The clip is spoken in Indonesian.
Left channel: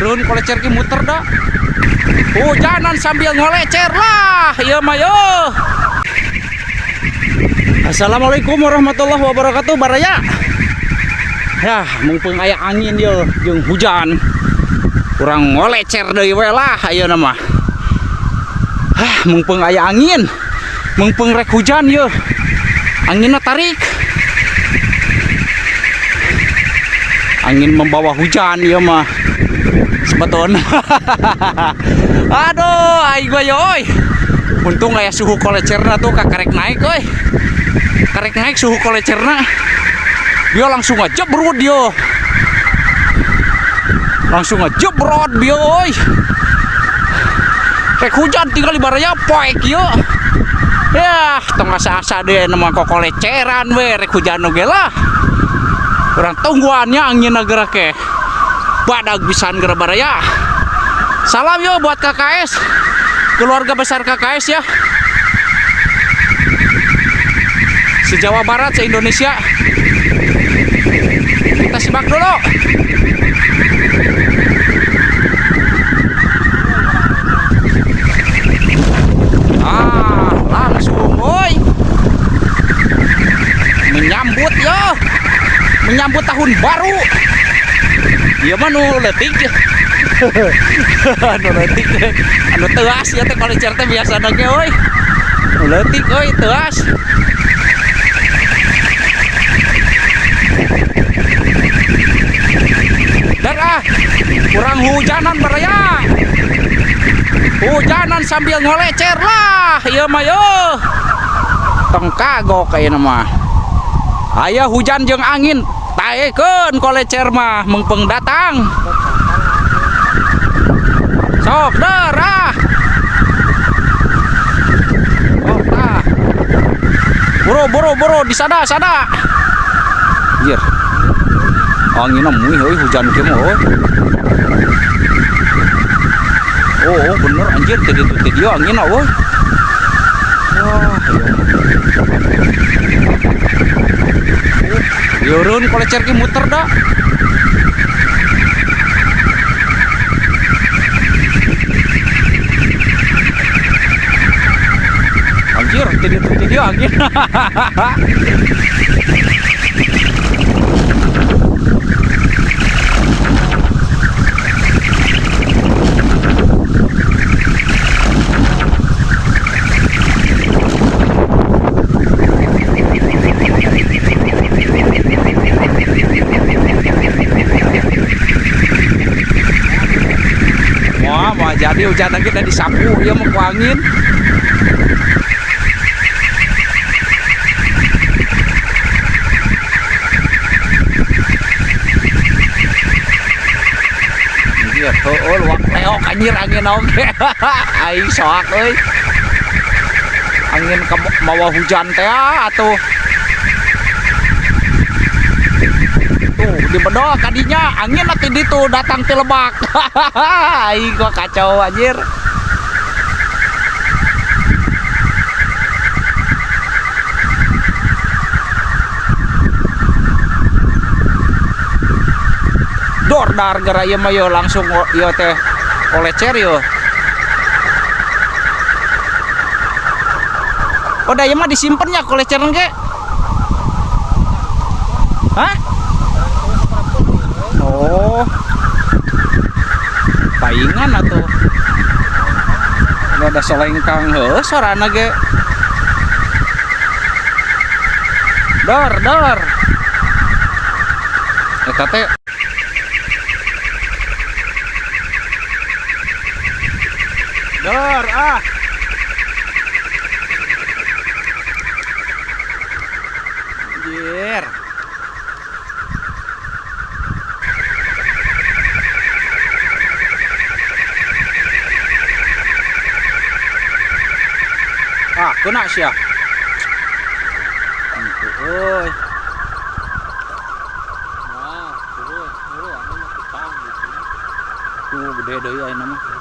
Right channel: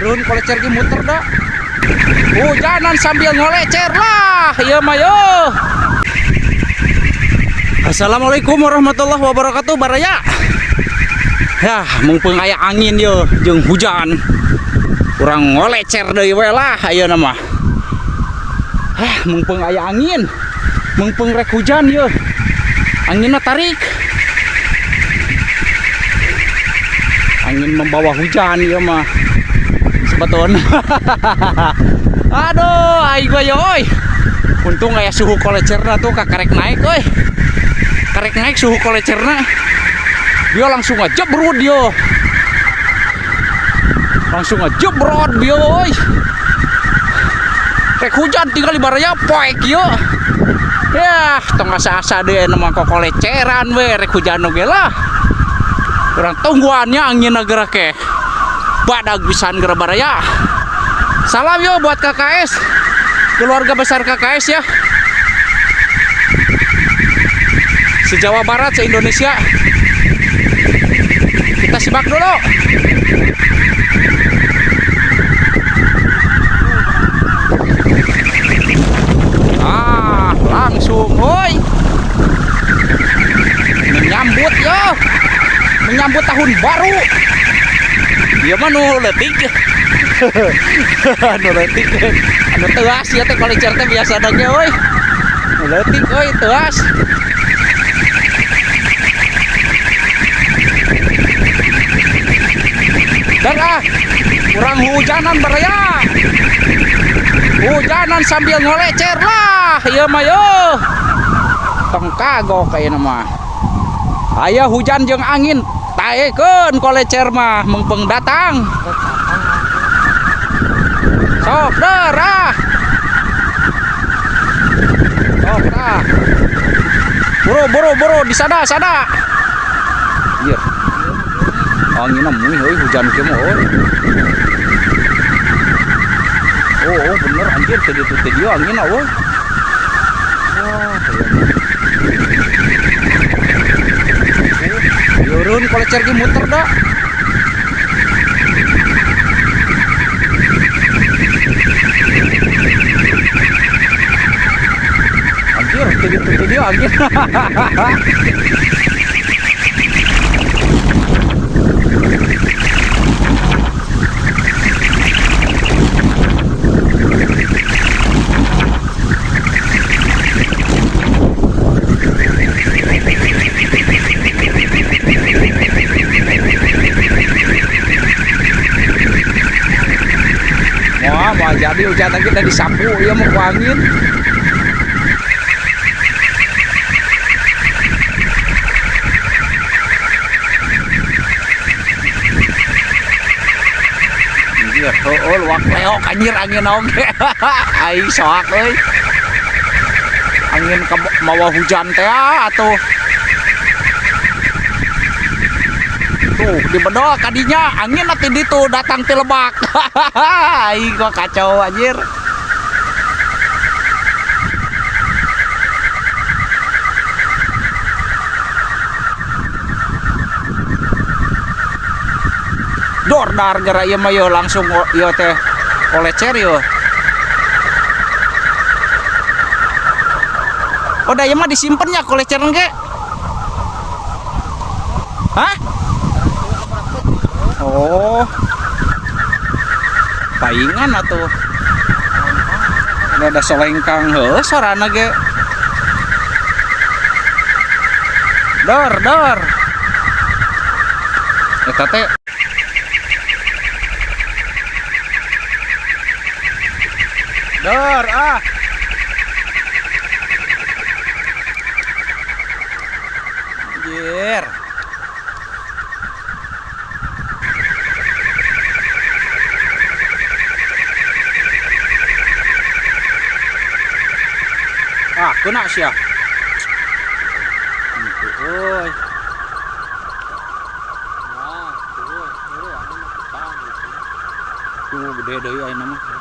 Yurun kolecer ki muter dah. Hujanan sambil ngolecer lah. Ieu mah yo. Assalamualaikum warahmatullahi wabarakatuh baraya. Ya, mumpung aya angin yo jeung hujan. Urang ngolecer deui we lah ayeuna mah. Mumpung aya angin. Mumpung rek hujan yo. Anginna tarik. Angin membawa hujan ya mah sebetulnya. Aduh aing gua yoy. Untung aya suhu kolecerna tuh karek naik euy. Karek naik suhu kolecerna. Dia langsung ngejebrut dia. Langsung ngejebrot dia euy. Rek hujan tinggal di baraya poek yo. Ya, tong asa-asa deh nama koleceran we rek hujan oge lah. Kurang tungguannya angin gerak ke badag pisan geura baraya. Salam yo buat KKS, keluarga besar KKS ya, se-Jawa Barat, se-Indonesia. Kita simak dulu. Langsung woi menyambut yo, menyambut tahun baru. Dia mah nu leutik. Nu leutik. Anu teuas ya teh kolecer teh biasa adanya euy. Nu leutik euy teuas. Dan kurang hujanan baraya. Hujanan sambil ngolecer lah. Ieu mah yo. Tong kagok ayeuna mah. Aya hujan jeung angin. Taekeun kolecer mah mengpeng datang. Sok derah. Sok dah. Buru disada. Anjir. Anginna meuih euy hujan kieu mah euy. Oh bener anjir tadi dia anginna euy. Yurun kolecer ki muter dah. Anjir, itu dia angin. Wah, jadi hujan kita disapu ya mau ku angin. Anjir, heueul wak leok anjir angin oge. Aing soak euy. Angin mawa hujan teh atuh. Tuh di bedol kadinya angin nanti ditu datang ti Lebak. Aing gua kacau anjir. Dordar gara ieu mah yo langsung ieu teh kolecer yo. Oh da ieu mah disimpen nya kolecer ge. Hah? Oh, paingan atau ini ada solengkang heuh sarana ge. Dor. Eta teh dor anjir. Kena sia. Euy. Tuh gede deui ayeuna mah.